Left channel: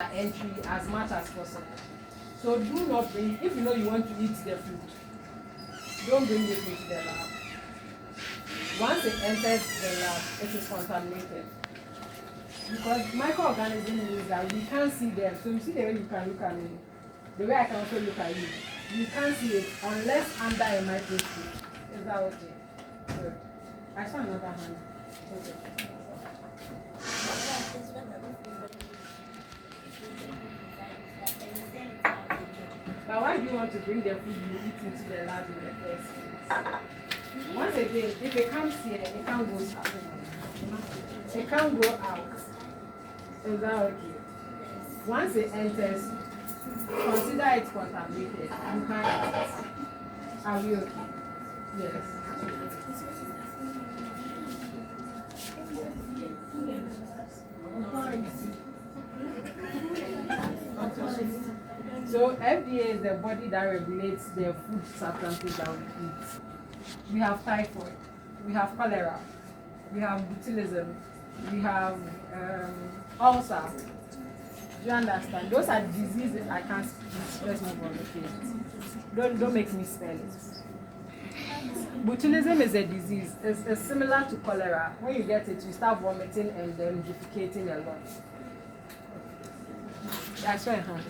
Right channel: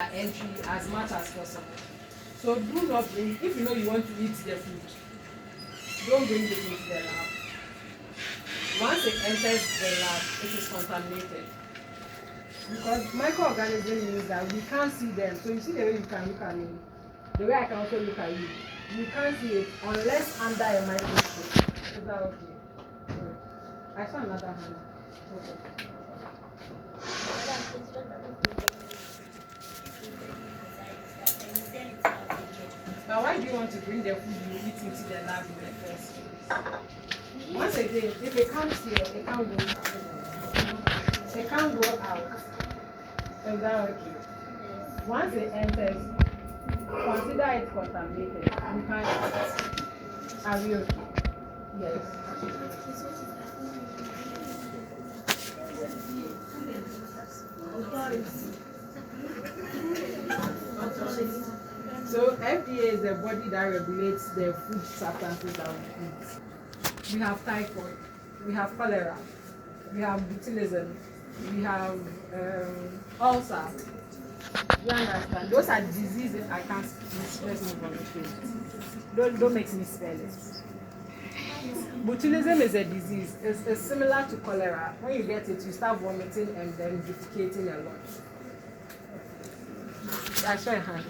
entry as much as possible. So do not bring, if you know you want to eat the food, don't bring it into the lab. Once it enters the lab, it is contaminated. Because microorganisms means that we can't see them. So you see the way you can look at me, the way I can also look at you. You can't see it unless under a microscope. Is that okay? Good. I saw another hand. Okay. But why do you want to bring the food you eat into the lab in the first place? Once again, if it comes here, it can't go out. It can't go out. Is that okay? Once it enters, consider it contaminated. You can't eat it. Are we okay? Yes. So FDA is the body that regulates the food substances that we eat. We have typhoid, we have cholera, we have botulism, we have ulcer. Do you understand? Those are diseases I can't speak. Let's move on. Don't make me spell it. Botulism is a disease. It's similar to cholera. When you get it, you start vomiting and then defecating a lot. I saw a hand.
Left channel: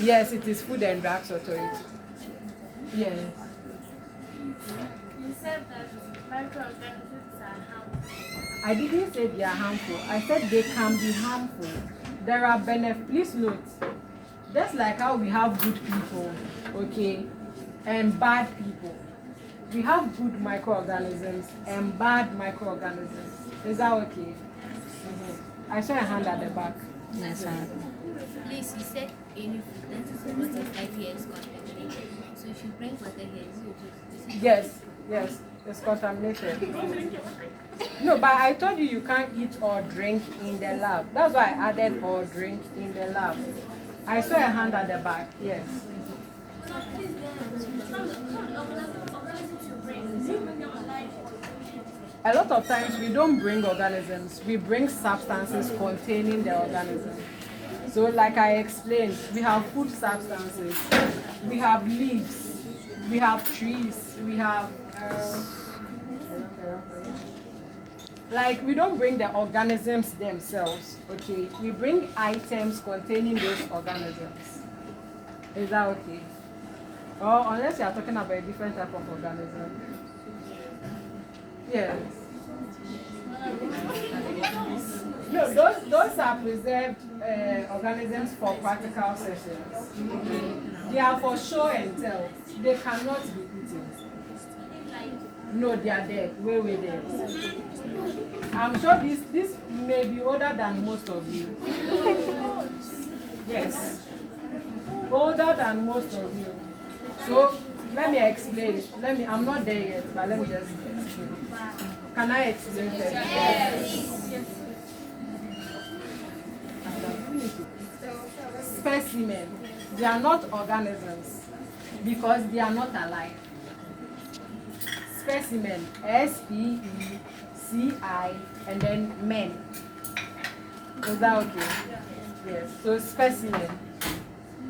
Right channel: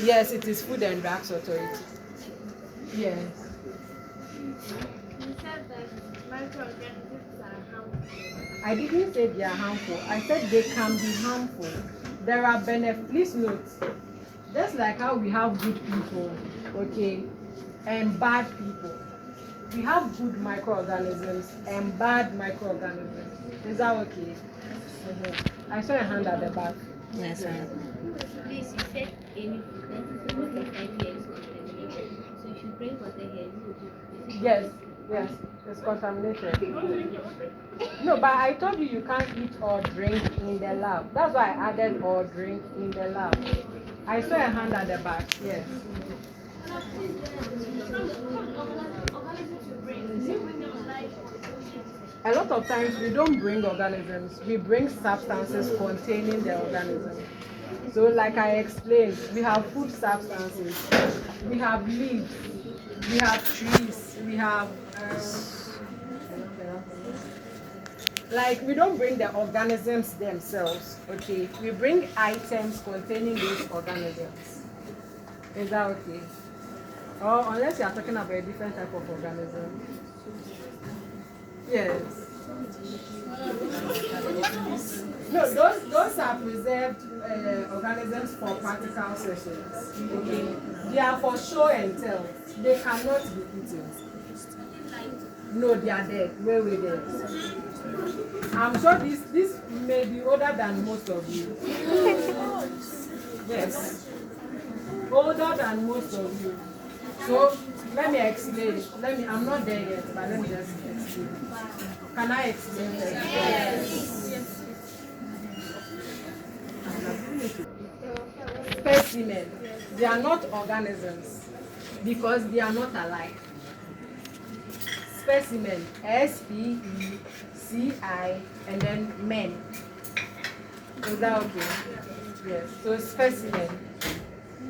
Yes, it is Food and Drugs Authority. Yes. You said that microorganisms are harmful. I didn't say they are harmful. I said they can be harmful. There are benefits. Please note, just like how we have good people, okay, and bad people, we have good microorganisms and bad microorganisms. Is that okay? I saw a hand at the back. Yes, Please, you said any food that is over 5 years contaminated. So if you bring water here, Yes, it's contaminated. No, but I told you you can't eat or drink in the lab. That's why I added or drink in the lab. I saw a hand at the back. Yes. A lot of times we don't bring organisms, we bring substances containing the organism. So like I explained, we have food substances, we have leaves, we have trees, we have like we don't bring the organisms themselves, okay? We bring items containing those organisms. Is that okay? Or unless you are talking about a different type of organism. Yes. No, those are preserved organisms for practical sessions. They are for show and tell. They cannot be eaten. No, they are dead. Way dead. I'm sure this may be older than most of you. Yes. Older than most of you. So let me explain. I'm not there yet, but let me just explain. Can I explain it? Yes. Specimen. They are not organisms because they are not alive. Specimen. SPECI and then men. Is that okay? Yes. So specimen.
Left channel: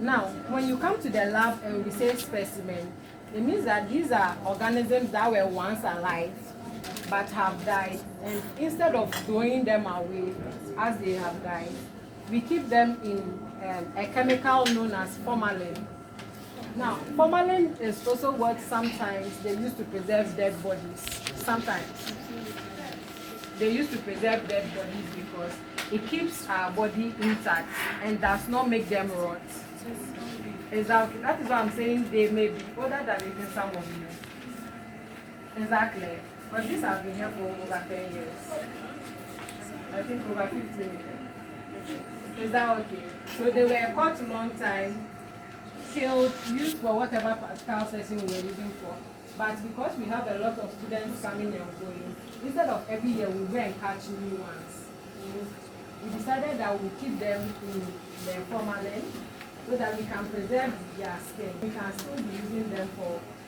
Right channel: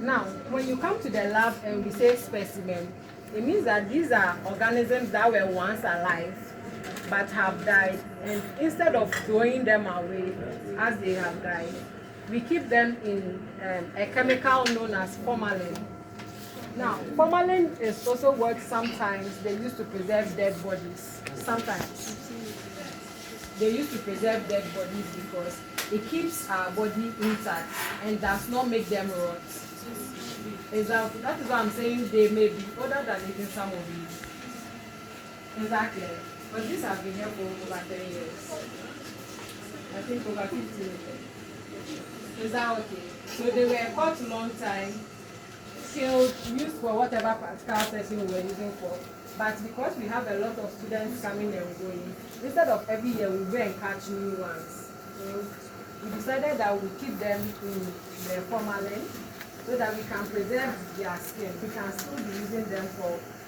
Now, when you come to the lab and we say specimen, it means that these are organisms that were once alive but have died, and instead of throwing them away as they have died, we keep them in a chemical known as formalin. Now, formalin is also what sometimes they use to preserve dead bodies. Sometimes they used to preserve dead bodies because it keeps our body intact and does not make them rot. Exactly. That is why I'm saying they may be older than even some of you. Exactly. But these have been here for over 10 years. I think over 15 years. Is that okay? So they were caught a long time, killed, used for whatever practical session we were using for. But because we have a lot of students coming and going, instead of every year we go and catch new ones, we decided that we'll keep them in the formalin so that we can preserve their skin. We can still be using them for